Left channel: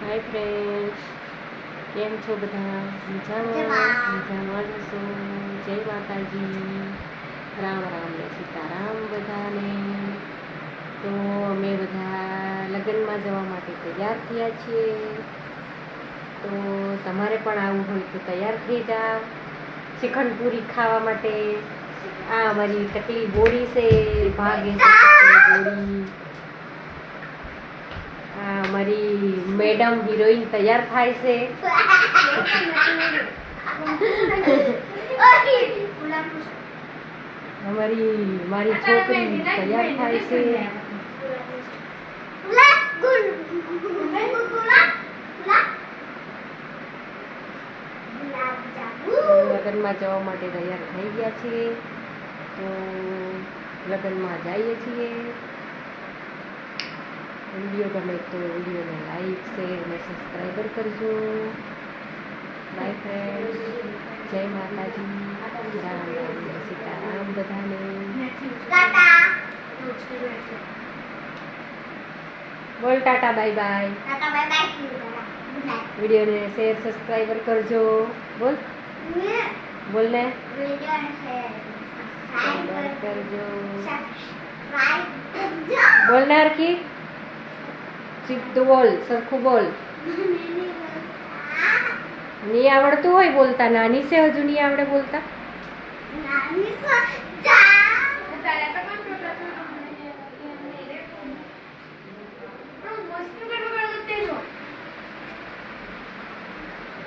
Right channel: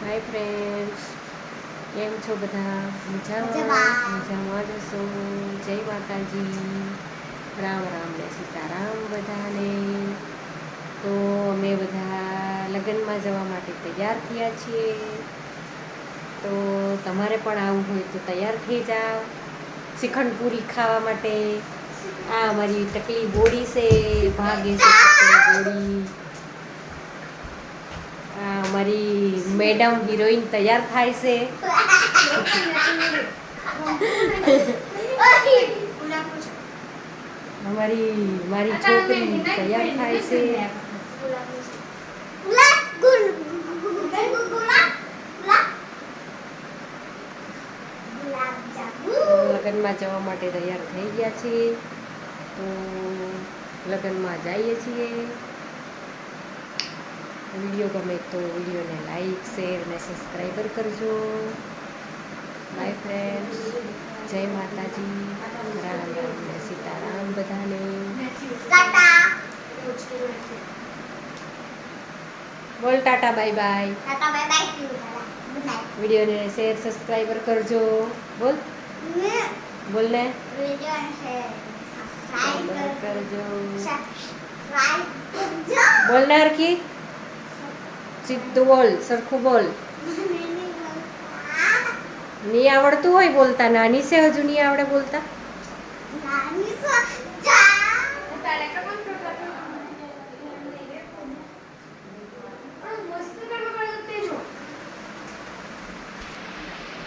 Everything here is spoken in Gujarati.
હાય ફ્રેન્ડ્સ, કેમ છો બધા? મજામાં જ હશો. જય માતાજી, રામ રામ ને સીતારામ બધાને. તો અમે બધા લગ્નમાં જવા માટે તૈયાર થયા છીએ. તો તમારે પણ આવવું હોય તો તૈયાર થઈ જાઓ શ્રીખંડ પૂરી ખાવા માટે. આ અમારી ટકલી બોડી છે, ભાગે છે ટકલી બોડી. અમારી મેડમ હિરોઈન તૈયાર થાય છે. મારી છોકરી તૈયાર થાય છે. લગ્નમાં જવા માટે તૈયાર થઈ ગયા છીએ. તો લગ્નમાં જઈએ છીએ. વિડીયો ગમે તો વિડીયોને લાઈક શેર અને સબસ્ક્રાઈબર કરજો. બાય ફ્રેન્ડ્સ, જય માતાજી, રામ રામ ને સીતારામ બધાને. બોલ ટાટા બાય બાય. વિડીયોને શેર સબસ્ક્રાઈબર કરજો. બોલ બોલ ને કરજો. બોલ ને હરખી સીધું બોલ, સરખું બોલ. નહીં આવડતું હોય બોલતા, નાની છે હજુ નહીં આવડે બોલતા.